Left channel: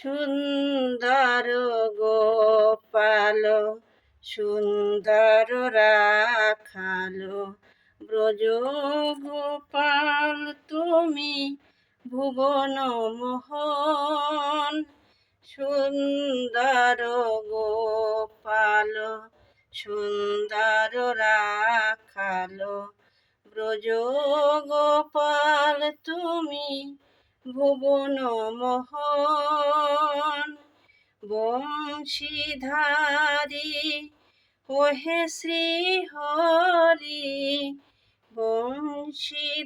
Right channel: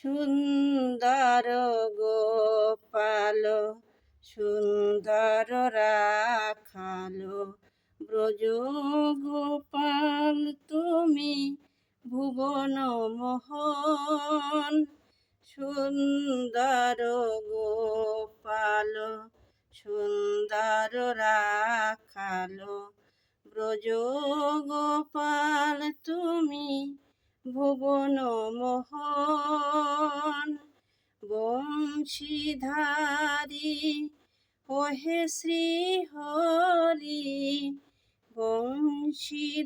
সুন্দর গোপাল সুন্দর রাখালো ব্রজ গোপাল তুমি ভুবন মোহন সুন্দর গোপাল সুন্দর রাখালো ব্রজ গোপাল তুমি ভুবন মোহন বংশীধারী ওহে শ্রী হরি বংশীধারী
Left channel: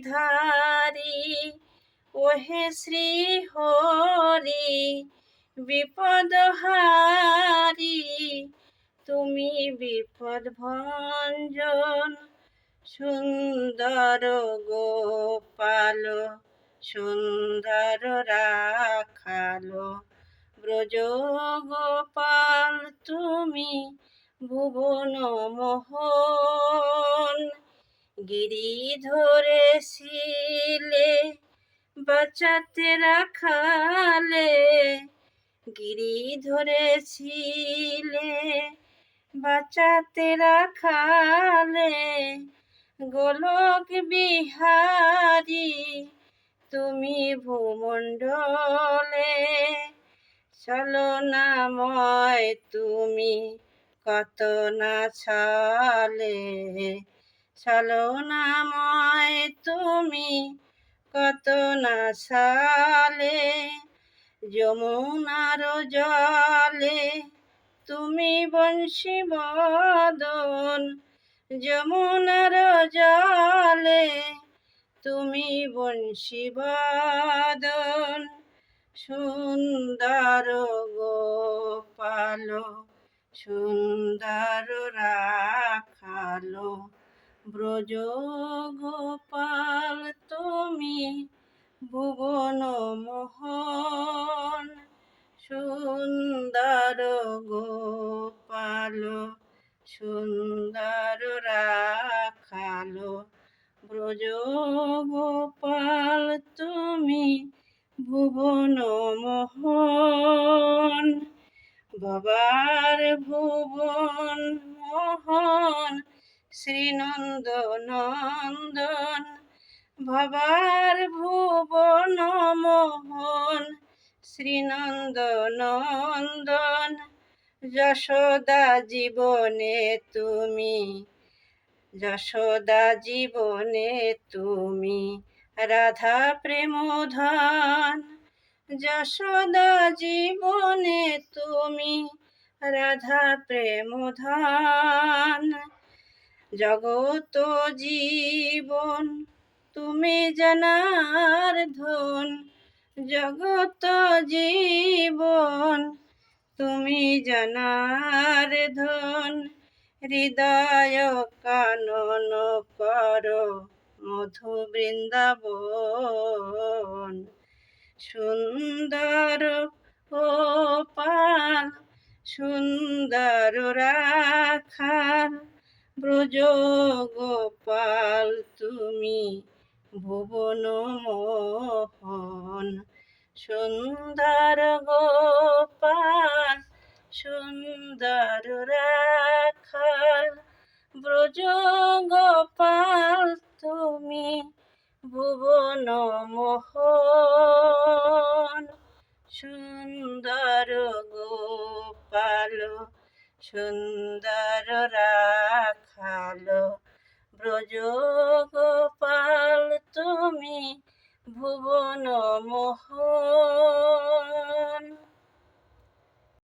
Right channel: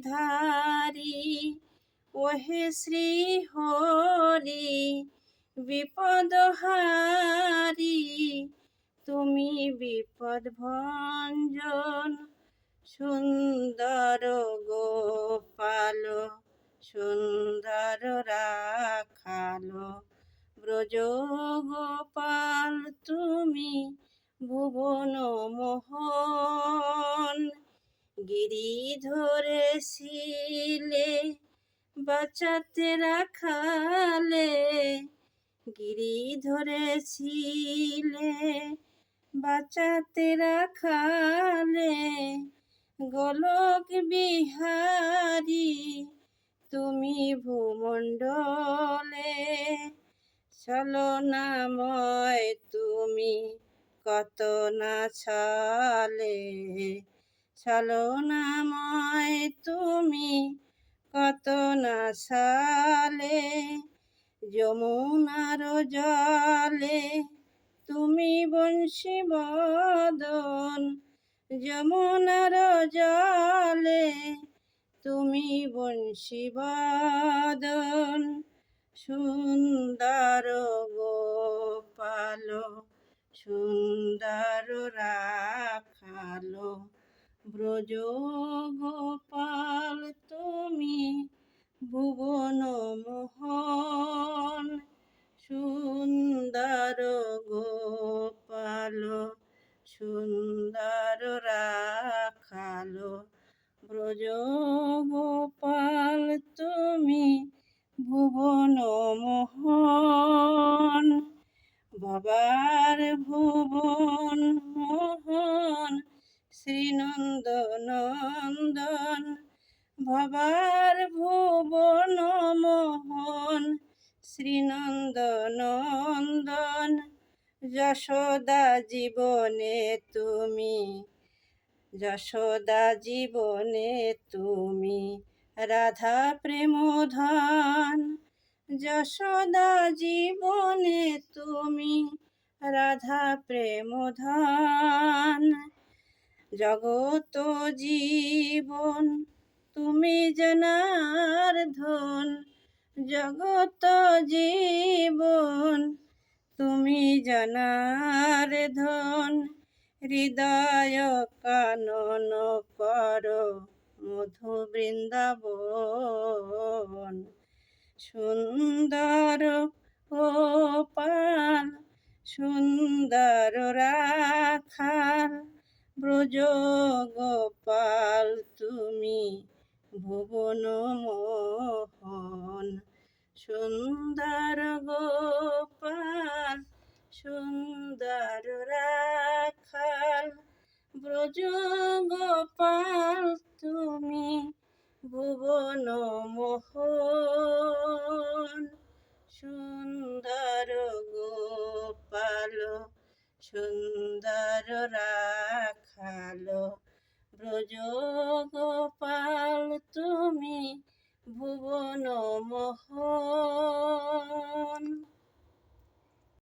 ওহে শ্রী হরি বিপদহারি তুমি বিপদ ভঞ্জন সুন্দর গোপাল সুন্দর রাখালো ব্রজ গোপাল তুমি ভুবন মোহন গিরি ধরেছিলে বাঁচাতে রাখালে গিরি ধরেছিলে বাঁচাতে রাখালে গোলক বিহারী তুমি ভূমণ্ডলে চলনাময় তুমি কত না ছলে ছলনাময় তুমি কত না ছলে যমুনার জলে তুমি বংশী বদন যমুনার জলে তুমি বংশী বদন সুন্দর গোপাল সুন্দর রাখালো ব্রজ গোপাল তুমি ভুবন মোহন সুন্দর গোপাল সুন্দর রাখালো ব্রজ গোপাল তুমি ভুবন মোহন বাবার ভুবন মোহন শ্রীনন্দ নন্দন বাবার ভুবন মোহন শ্রীনন্দ নন্দন যশোদা জীবনে তুমি যশোদা জীবনে তুমি রাধা প্রেমধন যশোদা জীবনে তুমি রাধা প্রেমধন জগত জীবন তুমি জনার্দন জগত জীবন তুমি জনার্দন হৃদয় কানন কর মধু বৃন্দাবন সুন্দর গোপাল সুন্দর রাখাল ব্রজ গোপাল তুমি ভুবন মোহন সুন্দর গোপাল সুন্দর রাখাল ব্রজ গোপাল তুমি ভুবন মোহন সুন্দর গোপাল সুন্দর রাখালো ব্রজ গোপাল তুমি ভুবন মোহন